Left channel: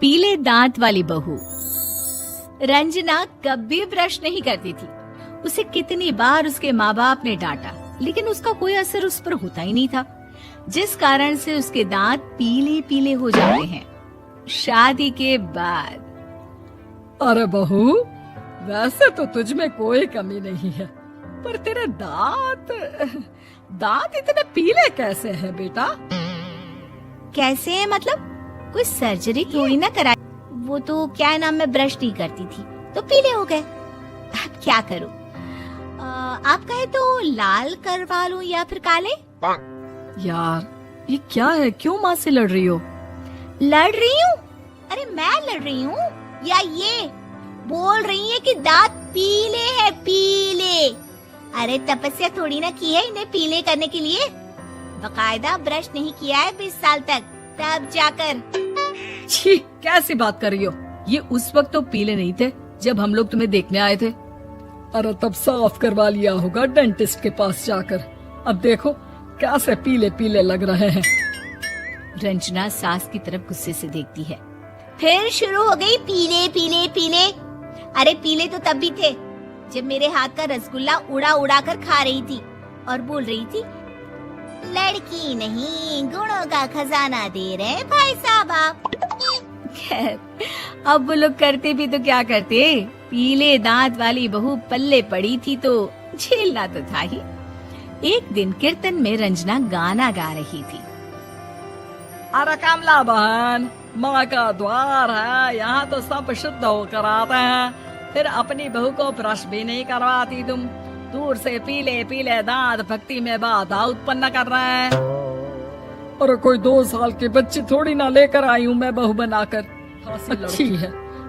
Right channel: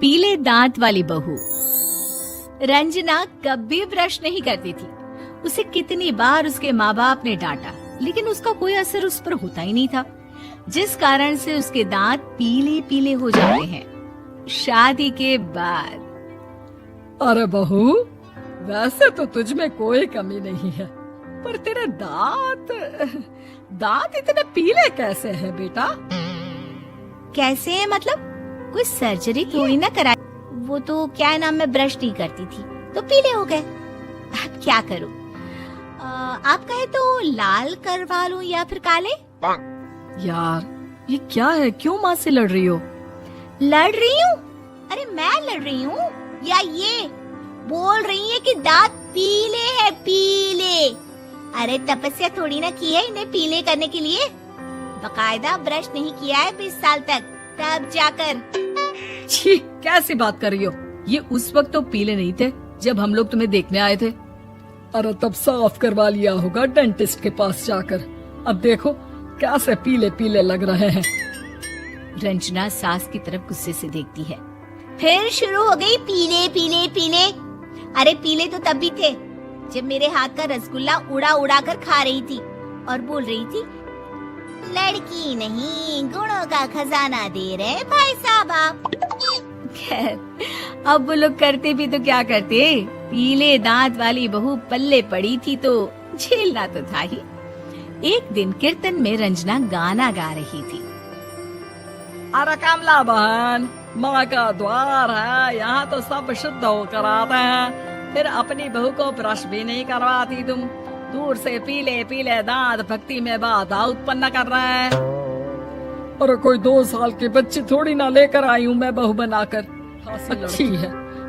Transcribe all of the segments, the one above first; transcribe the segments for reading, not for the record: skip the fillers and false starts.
पीले दांत वाली बहू। रंजना कभी ब्रश नहीं करती थी। उसे कितनी बार उसके माँ बाप ने डांटा, लेकिन उसका कोई असर उस पर होता ही नहीं था, जिस कारण से उसके दांत पीले पीले हो जाते हैं। शादी के बाद अरे बहू, वैसे तो तुझ में कोई कमी नहीं है, पर तेरे दांत इतने पीले कैसे है बेटा? कैसे मतलब? कोई सर्जरी थोड़ी ना कराई। वो तो क्या नाम, मैं ब्रश नहीं करती थी तो पीले हो गए। अब क्या करूं? आप कहें तो लाल करवा लूं या फिर काले? यार ये क्या है, क्यों माँ से लड़ रही हो? लड़ रही हूँ? अरे मैं लड़ रही हूँ या ये बोल रही है कि दांत पीले हैं, पीले। अरे तपस्या थोड़ी ना की है इन्हें पीले करने के लिए। बकायदा ब्रश नहीं किया है 20 साल तक, तब जाकर। छी, कैसी बात कर रही हो? ये उस वक्त तो पीले नहीं थे जब हम लोग तुम्हें देखने आए थे। अरे तब साफ करवा लिया होगा डेंटिस्ट के पास जाकर। अब देखो कैसे पीले पीले लग रहे हैं। रंजना सास की तरफ गुस्से से देखती है। फिर शुरू हो गई पीले पीले पीले। अरे पीले तो तब भी थे जब मेरे हाथ का रसगुल्ला उड़ा उड़ा कर खा रही थी और बोल रही थी, लड़की नहीं गुणों का खजाना दे रहे भाई साहब। अब वो लोग करते भी तो क्या करते, पीले दांत वाली बहू पल्ले पड़ी थी तो झेलना तो था ही। एक दिन कीर्तन में रंजना गाना गा रही थी। अरे कमला बहन, माँ का द्वार है, यहाँ तो सब शुद्ध होकर आते हैं, फिर अपनी बहू को ब्रश भी नहीं करवाती तुम। दूर से पीले पीले दांत भक्ति में बाधा उत्पन्न कर रहे हैं। अरे कोई 2 साल के बच्चे थोड़ी ना लेकर आई हूँ मैं बहू बनाकर। अच्छी है,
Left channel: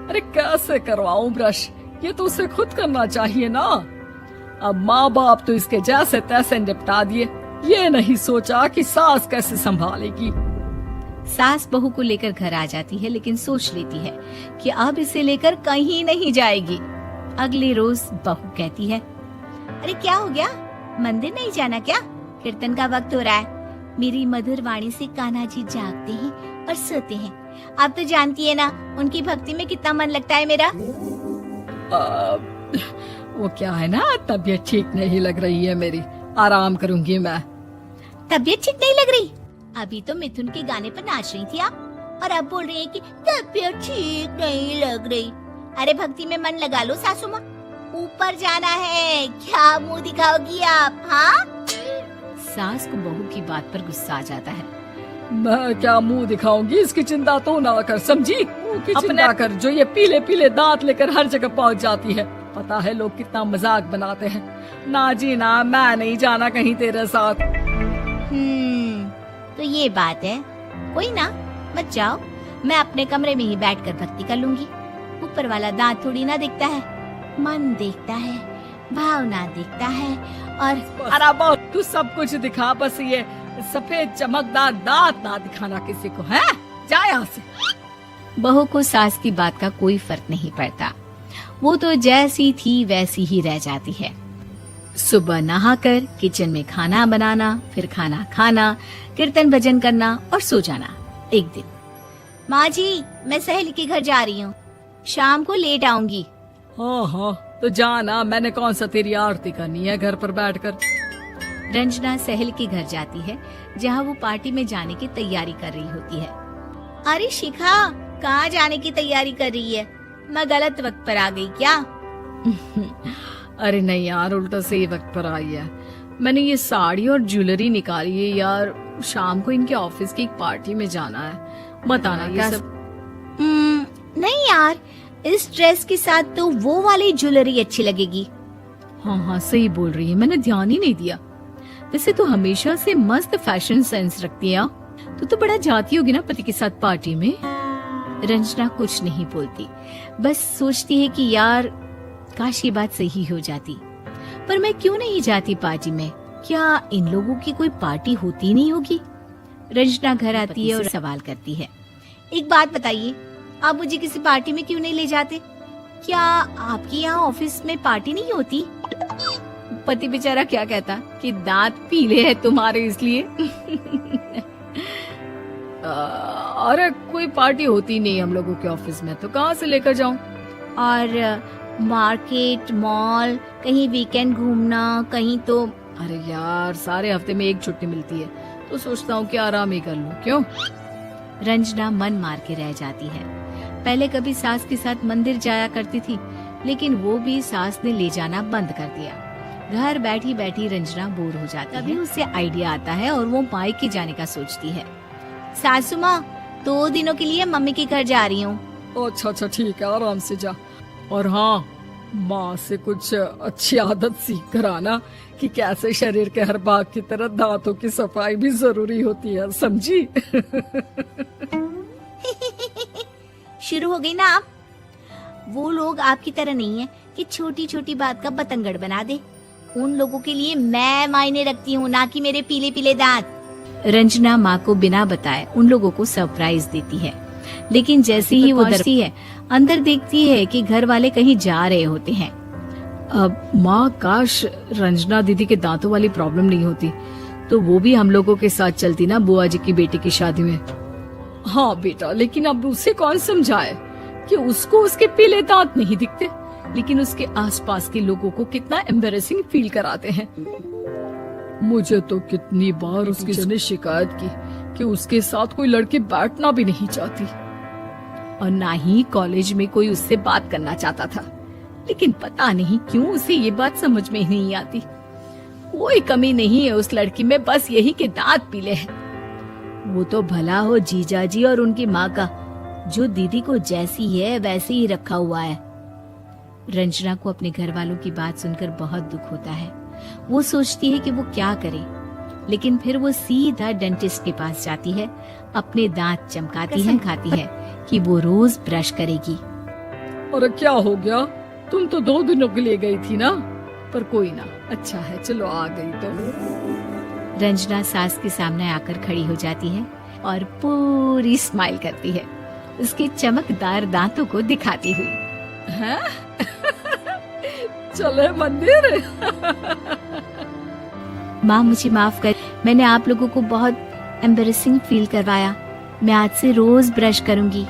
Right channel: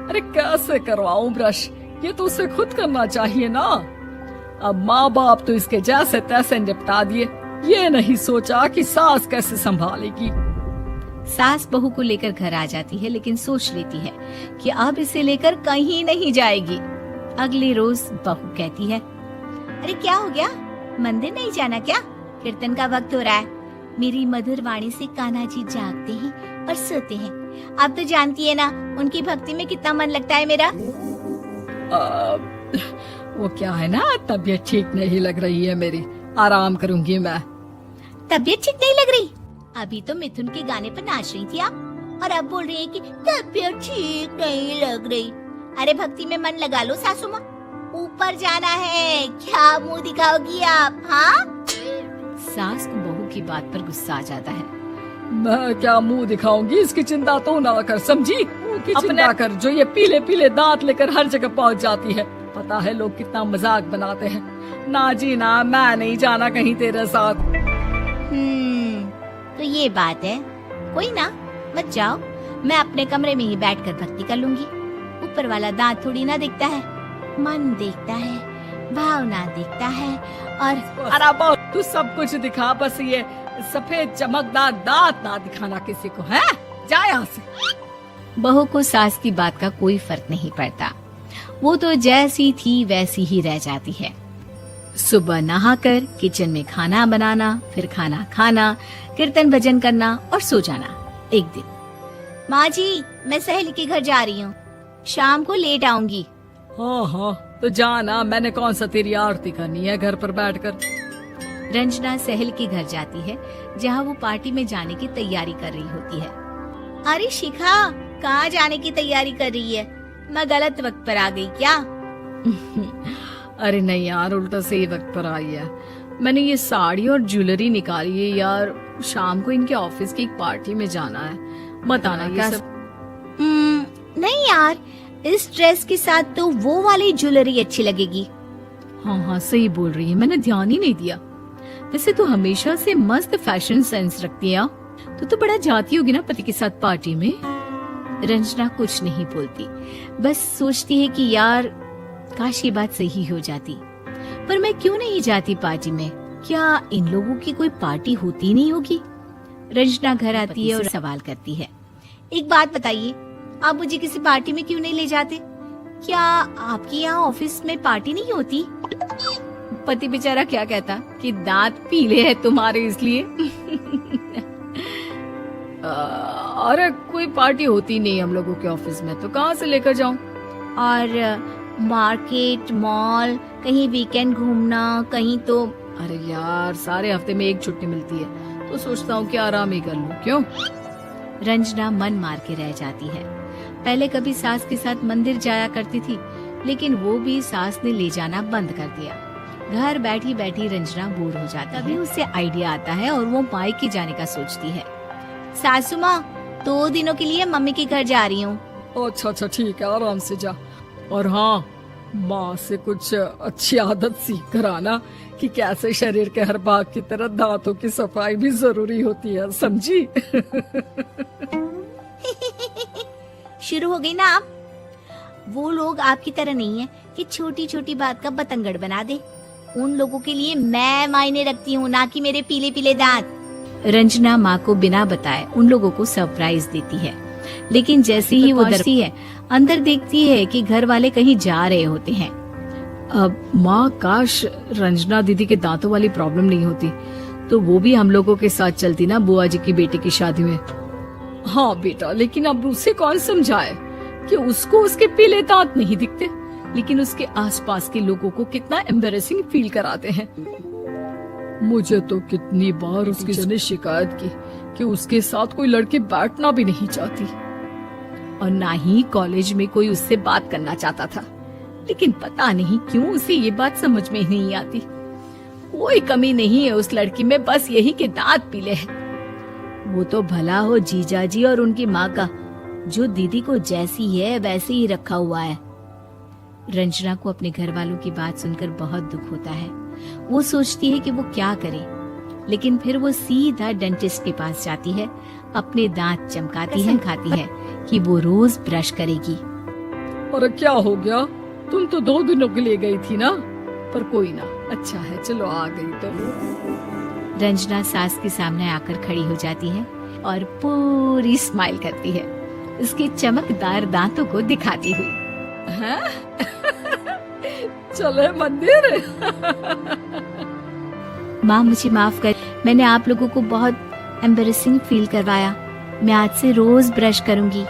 अरे कैसे करवाऊं ब्रश? ये तो उसे खुद करना चाहिए ना। अब माँ बाप तो इसके जैसे तैसे निपटा दिए, ये नहीं सोचा कि सास कैसे संभालेगी। सास बहू को लेकर घर आ जाती है, लेकिन सोच लेती है कि अब इसे लेकर कहीं नहीं जाएगी। अगले रोज बहू कहती है, अरे क्या हो गया, मंदिर नहीं जाना क्या? कीर्तन का वक्त हो रहा है। मेरी मधुर वाणी से कान्हा जी जागते और सोते हैं। आप तो जानती है ना उनकी भक्ति में कितना मन लगता है मेरा। वो क्या है ना, तबीयत ठीक नहीं लग रही है मेरी, आराम करूंगी मैं। तबीयत ठीक नहीं लग रही? अभी तो मिथुन के गाने पर नाच रही थी आप, और अब बोल रही है कि तबीयत ठीक नहीं लग रही। अरे भक्ति में मन लगा लो सासू माँ, ऊपर जाना है, क्या मुंह दिखाओगी आप? हाँ? सास को बहू की बात पर गुस्सा आ जाता है। मैं क्या मुंह दिखाऊंगी, इसकी चिंता तो ना कर, समझी? अपने कर जो ये पीले पीले दांत लेकर हर जगह पहुंच जाती है। पता है लोग कितना मजाक बनाते हैं। ना जी ना, मैं नहीं जाना कहीं तेरे साथ। तो ये बात है, कोई ना, मत जाओ, मैं अपने कमरे में ही बैठकर भक्ति कर लूंगी। ऊपर वाला दांत थोड़ी ना देखता है, मन देखता है, भावना देखता है। और अरे तू सब कुछ दिखा, बस ये सफेद चमकदार दांत ना दिखाना किसी को, है? जा यहाँ से। बहू को सास की बात का कोई फर्क नहीं पड़ता, वो तो जैसी थी वैसी ही रह जाती है। सुबह नहाकर किचन में खाना बनाना, फिर खाना खाना, कीर्तन भजन करना और सो जाना। एक दिन, माँ जी मैं सहेली के घर जा रही हूँ, शाम को लेट आऊंगी। हाँ, तो जाना, मैंने कौन सा तेरी आरती करनी है घर पर बैठकर। रंजना सहेली के घर जाती है, जहाँ वो पार्टी में जाने की तैयारी कर रही होती है। अरे शिखा, कहाँ जाने की तैयारी कर रही है? मैं गलत वक्त पर आ गई क्या? अरे नहीं यार, उल्टा सही वक्त पर आई है। मैंने ये साड़ी और ज्वेलरी निकाली है यार, शाम को इनके ऑफिस की एक पार्टी में जाना है, मत आना ये सब। नहीं यार, इस ड्रेस के साथ तो वो वाली ज्वेलरी अच्छी लगेगी। हाँ सही बोल रही है, मैंने ध्यान ही नहीं दिया। वैसे तो हमेशा से मस्त फैशन सेंस रखती है। तो बड़ा जाती होगी ना पति के साथ पार्टी में। रंजना कुछ नहीं बोलती, बस सोचती है कि यार काश ये बात सही हो जाती, पर मैं क्यों नहीं जाती पार्टी में? क्या इन लोगों की कोई पार्टी होती नहीं होगी? रंजना घर आती है और सवाल करती है, एक बात बताइए, आप मुझे किसी पार्टी में क्यों नहीं ले जाते? क्या आपके यहाँ ऑफिस में पार्टी नहीं होती? पति बेचारा क्या कहता कि दांत पीले हैं तुम्हारे इसलिए। अरे कोई पार्टी होती नहीं हम लोगों के ऑफिस में, तो कहाँ से लेकर जाऊं? और मार्केट, मॉल, कहीं वीकेंड घूमना, कहीं तो। अरे यार सारे हफ्ते में एक छुट्टी मिलती है, तो सोचता हूँ कि आराम ही कर लूं। क्यों? रंजना मन मार के रह जाती है। पहले कभी सास के साथ मंदिर जाया करती थी, लेकिन वो भी सास ने ले जाना बंद कर दिया। घर बैठी बैठी रंजना बोर हो जाती है। तभी उसे आइडिया आता है और वो मायके जाने का सोचती है। सासू माँ, 2 दिनों के लिए मम्मी के घर जा रही हूँ। अच्छा ठीक है, आराम से जा। और हाँ, माँ से कुछ अच्छी आदत सीख कर आना कि कैसे शरीर के हर भाग की तरह दांतों की सफाई भी जरूरी होती है, समझी? शुरू हो गई ना आप। वो लोग आपकी तरह नहीं है कि छोटी छोटी बात का बतंगड़ बना दे। उन लोगों के लिए मैं मायने रखती हूँ, ना कि मेरे पीले पीले दांत। रंजना माँ को बिना बताए उन लोगों को सरप्राइज देती है, लेकिन जैसे ही वो डरती है, अंदर देखती है कि घर वाले कहीं जा रहे होते हैं। अब माँ, काश रंजना दीदी के दांतों वाली प्रॉब्लम नहीं होती, तो वो भी हम लोगों के साथ चलती ना बुआ जी की बेटी की शादी में। हाँ बेटा, लेकिन अब उसे कौन समझाए कि उसको उसके पीले दांत नहीं दिखते, लेकिन उसके आसपास के लोगों को कितना एम्बैरेसिंग फील कराते हैं। मुझे तो कितनी बार उसकी ने शिकायत की कि उसके साथ कोई लड़की बैठना भी नहीं चाहती, और ना ही कॉलेज में कोई उससे बात करना चाहता था। लेकिन पता नहीं क्यों उसे ये बात समझ में ही नहीं आती। कोई कमी नहीं है उस लड़की में, बस यही कि दांत पीले हैं। वो तो भला हो जीजा जी और उनकी माँ का, जो दीदी को जैसी है वैसे ही रखा हुआ है। रंजना को अपने घर वालों की बात सुनकर बहुत दुख होता है। वो सोचती है कि वो क्या करे, लेकिन फिर वो सीधा डेंटिस्ट के पास जाती है, अपने दांत चमकाती है, खाती है कि वो रोज ब्रश करेगी। अरे क्या हो गया? तुम तो 2 दिनों के लिए गई थी ना। पर कोई ना, अच्छा है, चलो आ गई तुम। रंजना सास के सामने आकर खड़ी हो जाती है और पूरी स्माइल करती है, उसके चमकदार दांतों को दिखाती हुई। चले मंदिर। माँ मुझे माफ कर, मैंने आप लोगों को बहुत एम्बैरेसिंग फील करवाया। मैं आज से रोज ब्रश करूंगी।